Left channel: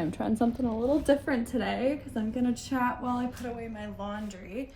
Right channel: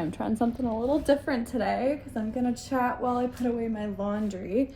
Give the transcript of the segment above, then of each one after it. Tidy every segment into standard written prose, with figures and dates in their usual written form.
I'm trying something a little different today because I'm gonna chat while I put away my laundry.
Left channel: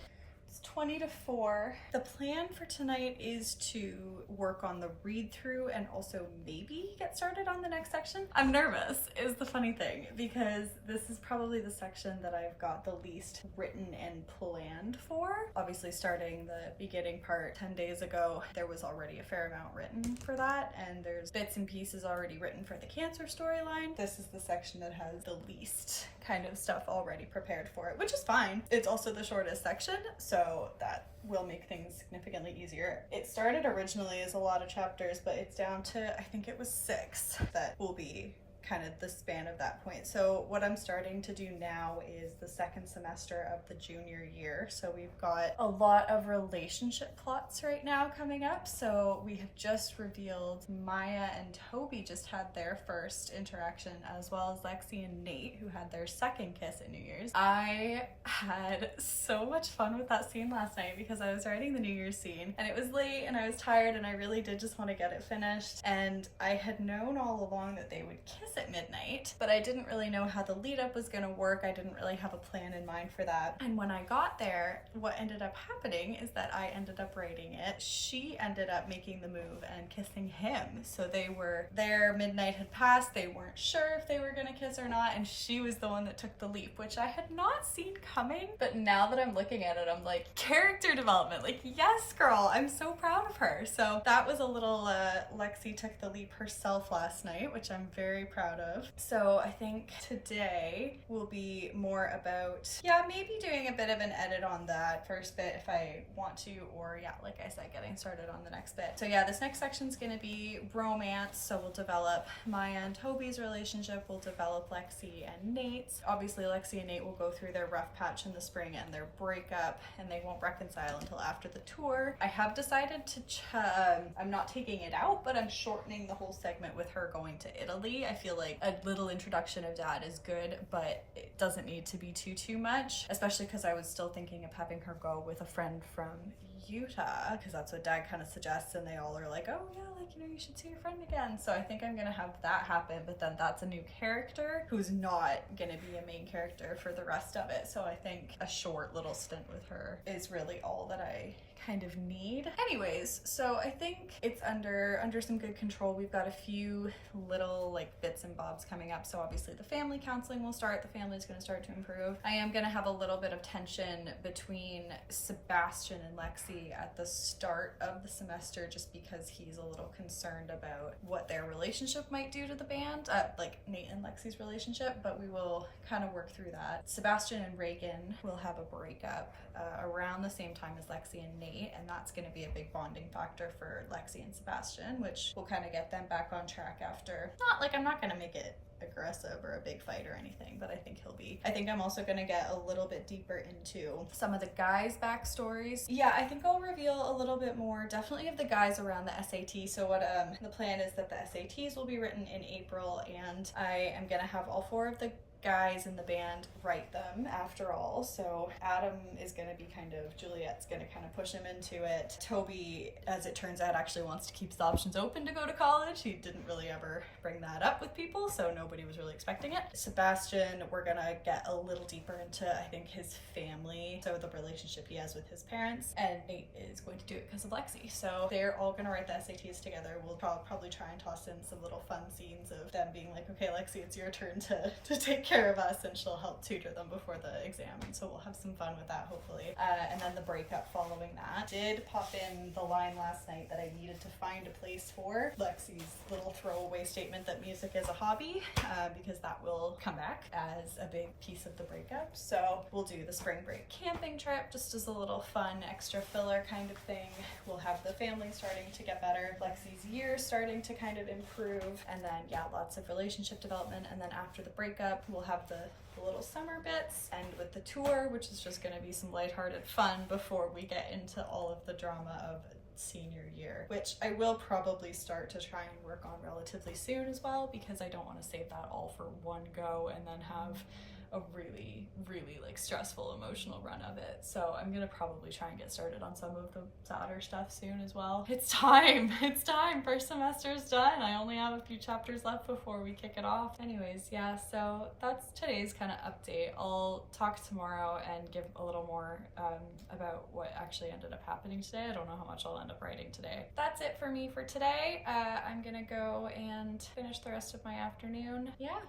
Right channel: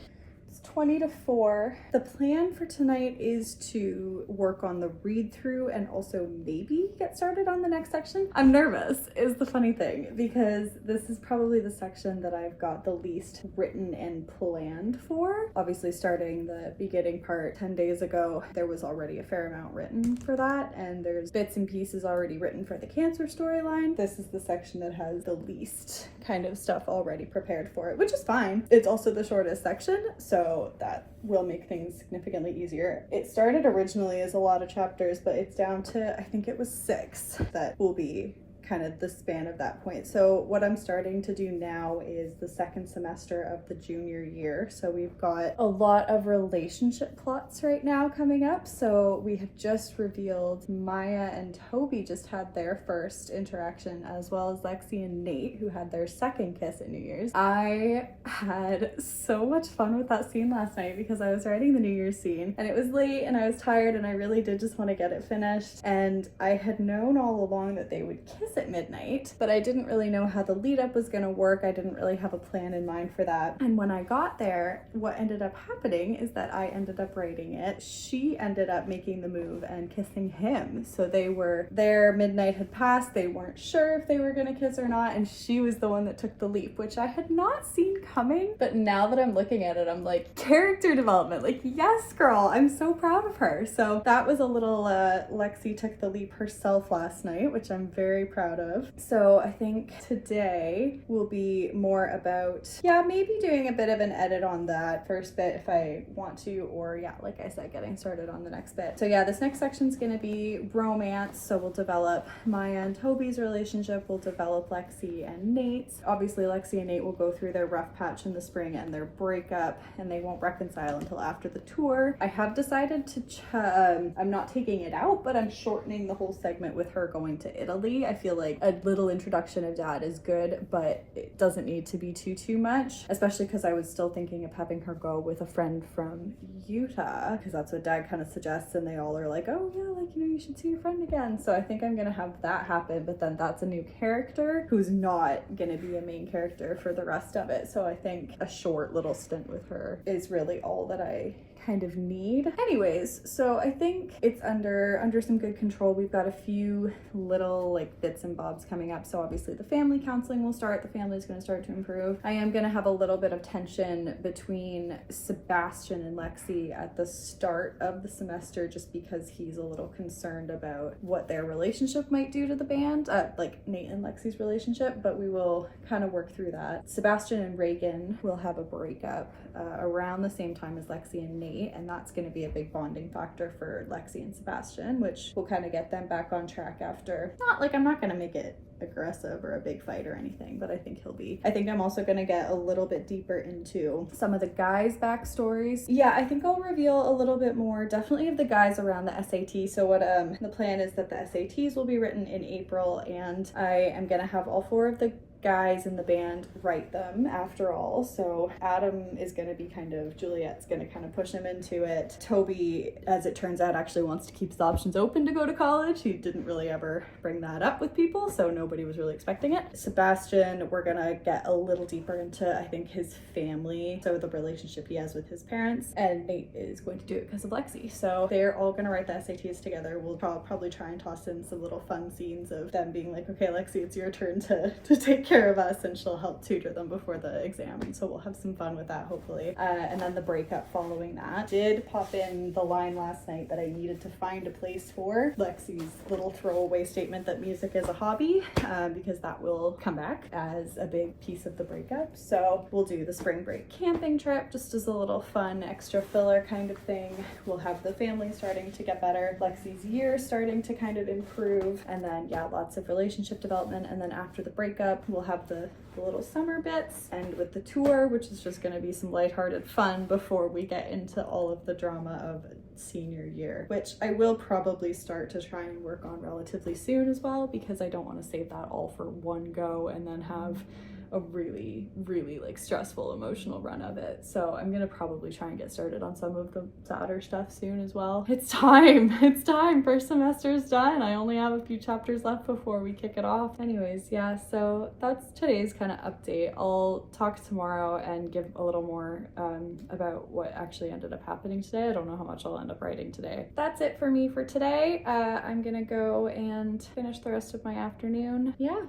It's 20 to 4. The plan for tonight is to work on the read through and also maybe get started on the next section. I'm nervous is the funny thing, because this is probably the section that I've got the least written and planned for. Obviously starting the beginning part 10 days ago, there was already a fair amount written for that, and there's bits and pieces already written for the cancer storyline. This is the section that has the least kind of stuff already prepared for it, which is fine. It's also the shortest section, so that will make things significantly easier. It started originally as a lot of chapters, but it's down to, I think it was 6 that will be kind of the span of that point. So what I'm starting to do now is the second semester of the junior year. So we've got a lot of relationship plots right now coming up. So we have just revealed Maya and Toby just had their first interaction, as well as Lexi and Nate, who had their second kiss at New Year's. I had so much fun with that scene last night because I was writing the New Year's scene and it was late and I was tired and I really did just want to get it finished. And I had known all along that they would kiss at midnight, but I didn't really know how the lead up was going to work. I didn't really have a plan in mind for that. And when I got there, what ended up happening is that I ended up writing it. She ended up making the move and kissing him. So they were there, midnight had passed, they weren't sure if they were going to kiss or not, and she was the one that took the leap, which I had not seen coming. But now that I'm looking at it, I'm like, character development, like, yes girl, I'm so proud of her. So that was a little Lexi took the leap herself last night, which I'm very proud of. So I think today will be more about, yeah, maybe doing a bit of an edit on that first bit if I want to, or yeah, like I said, getting started on the next bit. So yeah, this next section is going to be romance. So we'll develop Maya and Toby's relationship. We'll develop Lexi and Nate's. Obviously Lexi and Nate will go through their rough patch in the spring and their breakup, and they won't reconcile until after the tour. I have decided to I'm not taking it out, but I'm shortening the whole segment with her going to Italy. I feel like a little introduction of Dad is good, but it doesn't need to be too much, especially because I was still thinking of having her go with a friend from Utah, because that's what Dad kind of suggests, and they all are like, oh yeah, like, you know, you should see your friend again. So I think I'm gonna have that happen, but then that's a new character who's not gonna be a main character for the rest of it. So I think a short little stint with her is really all that I kind of need. Anyways, so I think it's under some good control. We've got a few little like bits and bobs coming up. So obviously the family counseling will start. The family's going to start to improve. I am going to have a little bit of tension between Sebastian and Lexi at the start of the semester, just because he's a little concerned about what their relationship might do to the band, like Nate and Lexi's relationship, but we will kind of work through that. Sebastian and Reagan will have a breakup around the same time as Lexi and Nate, and that's going to be a big bonding factor for Lexi and Sebastian, which will kind of get them back on track after, not like, I'm not going to make it aggressive or a big fight or anything, but I think he'll be. I think I'm also going to get a little bit deeper into some of the guys' backstories. Yeah, I think I'll reveal a little bit more, definitely, of the guys around the SAT. So what the plan is that the SATs will be written in April, and I am going to have all 4 of the guys in the band write them after all. So Adam is going to be Juliet's going to kind of push him into it. Toby, as it turns out, actually wants to keep his options open to go to college. He didn't really ever bring that up with people, so nobody was really expecting it. Sebastian, we're going to get a little deeper into, I think, his family, so the relationship he has with his parents, and Nate is going to do it because of Lexi. So they're all going to write the SATs together. We'll probably try and toss in some little fun scenes of them being like, okay, Lexi, it's your turn to take care of us, and she'll help tutor them before the exam, and so we'll have some fun with that, hopefully. And then the breakup following that. Did pop in the line last night that I needed to find a place for Lexi's little throwaway statement that music is a hobby, because that will come back as a big piece of the breakup. So we'll do the spring break camping trip just as a little fun extra filler kind of thing. We'll have the family starting to get better, Lexi's year starting to kind of improve, and then yeah, lots of relationship development. And then after the breakup, we'll have the little summer bits, and with the tour, which is just going to be some lighthearted fun before we get into all of the drama of senior year, which I will probably start to try and work on relatively soon as well, because I don't want to save that all for one go and then have a really, really like stressful emotional run of it. So I'm gonna probably try and get started on some of the sadder stuff soon as well. It's time. It's time. First semester is done. I only have a few chapters left before we kick it off. Anyways, yeah, so that's today's kind of update. I'll talk tomorrow and give a little more about what actually ended up happening today. I don't know how much I'll end up writing today. That's it for me for today. I'm gonna go and finish the rest of my afternoon. Yeah,